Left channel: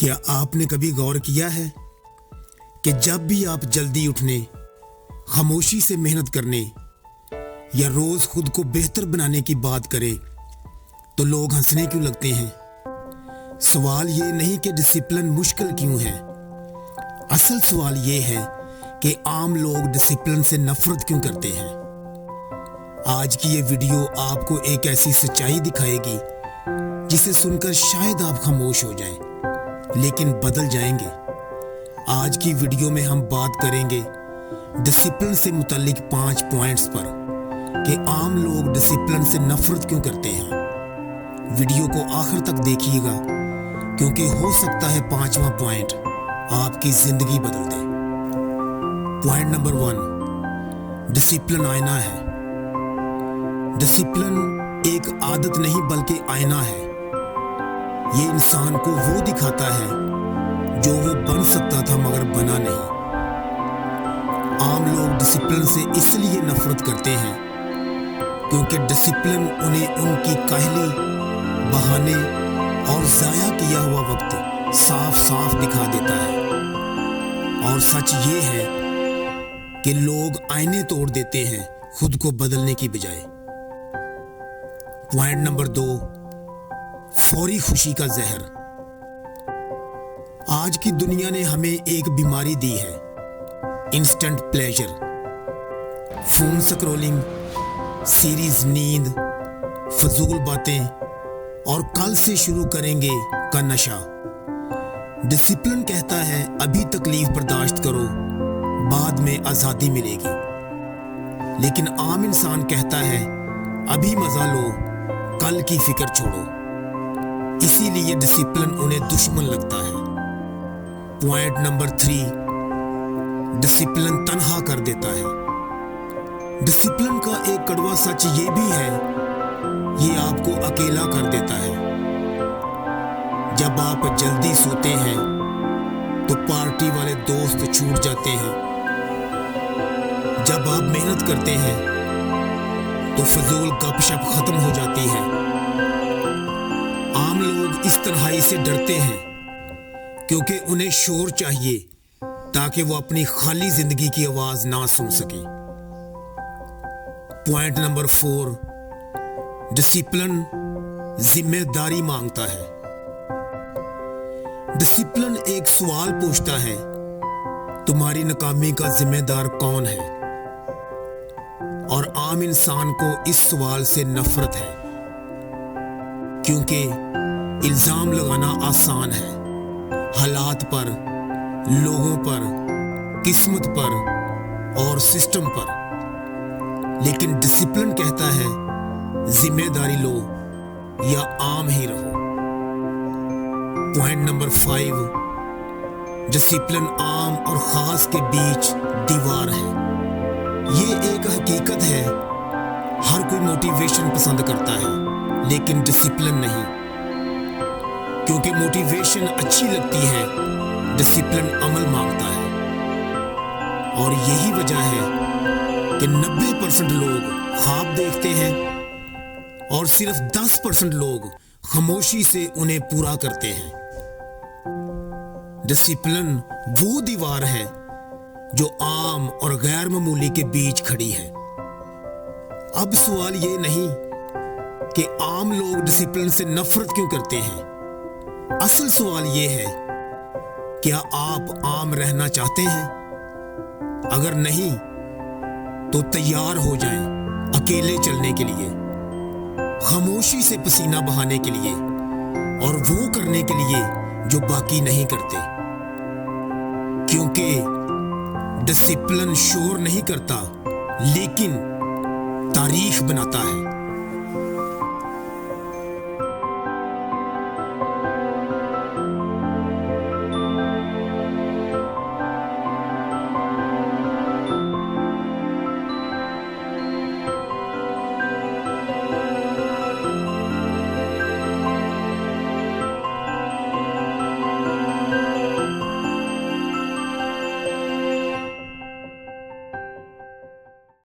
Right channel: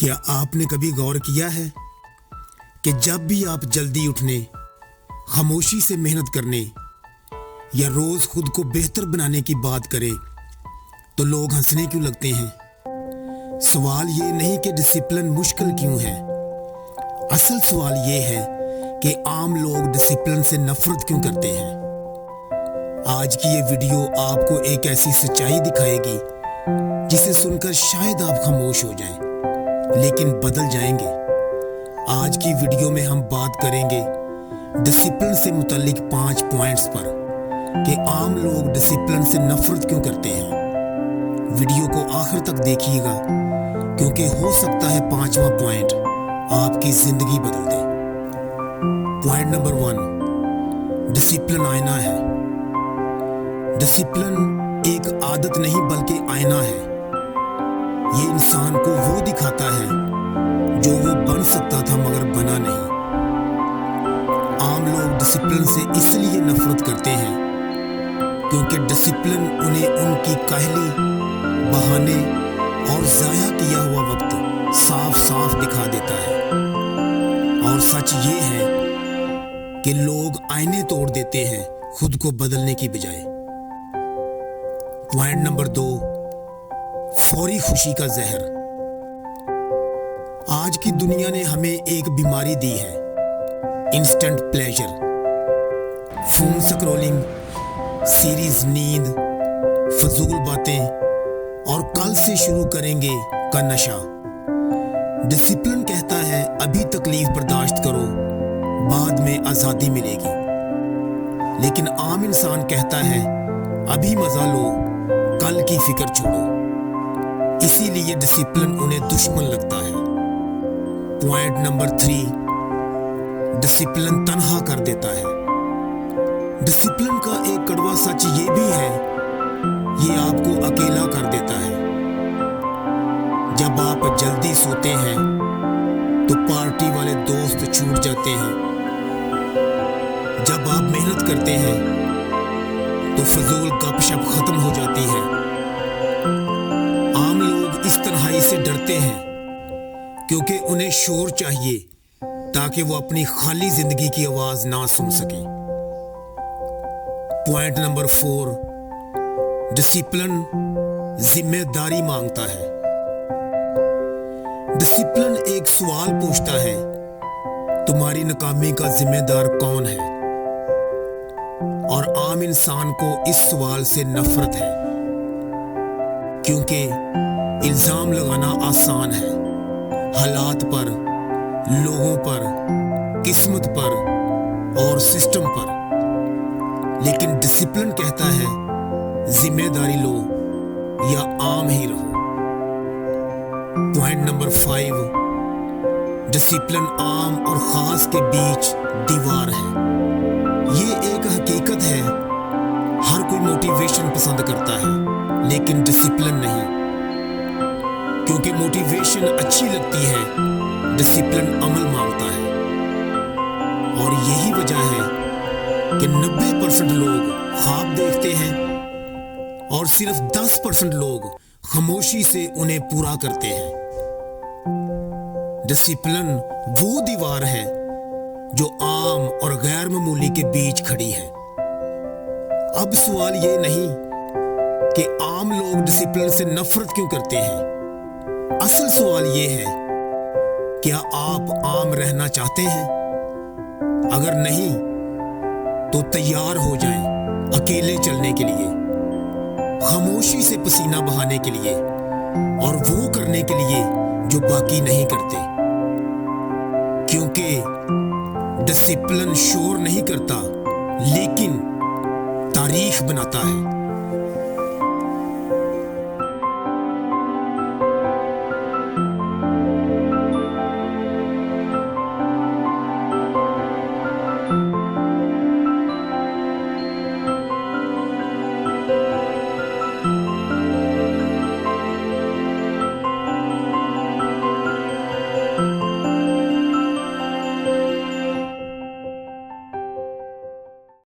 کیا آپ نے کبھی غور کیا ہے کہ جب بھی آپ جلدی اٹھنے، خاموشی سے محنت کرنے یا روز خود کو بہتر بنانے کی بات کریں تو لوگ ہنسنے کیوں لگتے ہیں؟ سوال یہ نہیں کہ ڈسپلن مشکل کیوں ہے، اصل سوال یہ ہے کہ عام لوگ ڈسپلن سے نفرت کیوں کرتے ہیں۔ آج کی یہ ویڈیو آپ کو ایک ایسی سچائی دکھائے گی جسے سن کر شاید آپ خاموش ہو جائیں لیکن بدل جائیں گے۔ آج کی ویڈیو میں ہم بات کریں گے ڈسپلن سے متعلق 5 پوائنٹس پر کہ عام لوگ ڈسپلن سے نفرت کیوں کرتے ہیں۔ ویڈیو کو آخر تک دیکھیے گا کیونکہ ہو سکتا ہے 5واں پوائنٹ آپ کی زندگی بدل دے۔ پوائنٹ نمبر 1، ڈسپلن آئینہ ہے۔ ڈسپلن ایک عادت نہیں بلکہ آئینہ ہے۔ یہ انسان کو وہ دکھاتا ہے جو وہ بن سکتا تھا مگر بنا نہیں۔ عام لوگ ڈسپلن سے اس لیے نفرت کرتے ہیں کیونکہ ڈسپلن انہیں ان کی کاہلی، بہانے اور ضائع کیا ہوا وقت صاف صاف دکھا دیتا ہے۔ اور سچ یہ ہے کہ لوگ آئینے توڑ دیتے ہیں خود کو بدلنے کی بجائے۔ پوائنٹ نمبر 2، فوری خوشی کا زہر۔ آج کی دنیا نے ہمیں ایک بیماری دی ہے، instant pleasure. Phone scrolling, series نیند، فضول باتیں اور کل سے شروع کریں گے کا نشہ۔ ڈسپلن کہتا ہے ابھی تکلیف برداشت کرو، بعد میں آزادی ملے گی، لیکن عام انسان کہتا ہے ابھی مزہ لو، کل کی فکر چھوڑو۔ اسی لیے ڈسپلن انہیں دشمن لگتا ہے۔ پوائنٹ نمبر 3، ڈسپلن تنہا کر دیتا ہے۔ ڈسپلن کا ایک کڑوا سچ یہ بھی ہے، یہ آپ کو اکیلا کر دیتا ہے۔ جب آپ جلدی سوتے ہیں تو پارٹی والے دوست چھوٹ جاتے ہیں۔ جب آپ محنت کرتے ہیں تو فضول گپ شپ ختم ہو جاتی ہے۔ عام لوگ اس تنہائی سے ڈرتے ہیں کیونکہ انہیں شور چاہیے تاکہ وہ اپنی خالی زندگی کی آواز نہ سن سکیں۔ پوائنٹ نمبر 4، ڈسپلن ذمہ داری مانگتا ہے۔ ڈسپلن ایک سوال پوچھتا ہے، تمہاری ناکامی کا ذمہ دار کون ہے؟ اور عام انسان کو اس سوال سے نفرت ہے کیونکہ الزام لگانا آسان ہے، حالات پر، لوگوں پر، قسمت پر اور سسٹم پر، لیکن ڈسپلن کہتا ہے ذمہ داری لو یا عام ہی رہو۔ پوائنٹ نمبر 5، ڈسپلن عام اور خاص کے بیچ دیوار ہے۔ یہ ایک حقیقت ہے، ہر کوئی موٹیویشن پسند کرتا ہے لیکن ڈسپلن نہیں، کیونکہ موٹیویشن اچھی لگتی ہے، ڈسپلن عمل مانگتا ہے۔ اور یہی وجہ ہے کہ 90% لوگ خواب دیکھتے ہیں اور صرف 10% لوگ خاموشی سے انہیں پورا کرتے ہیں۔ ڈسپلن وہ دیوار ہے جو عام اور غیر معمولی کے بیچ کھڑی ہے۔ اب سوال یہ نہیں کہ عام لوگ ڈسپلن سے نفرت کیوں کرتے ہیں، اصل سوال یہ ہے، کیا آپ عام رہنا چاہتے ہیں؟ اگر نہیں تو تیار ہو جائیں اکیلے چلنے کے لیے، خاموشی سے پسینہ بہانے کے لیے اور وہ کرنے کے لیے جو باقی نہیں کرتے، کیونکہ ڈسپلن شور نہیں کرتا لیکن تاریخ بناتا ہے۔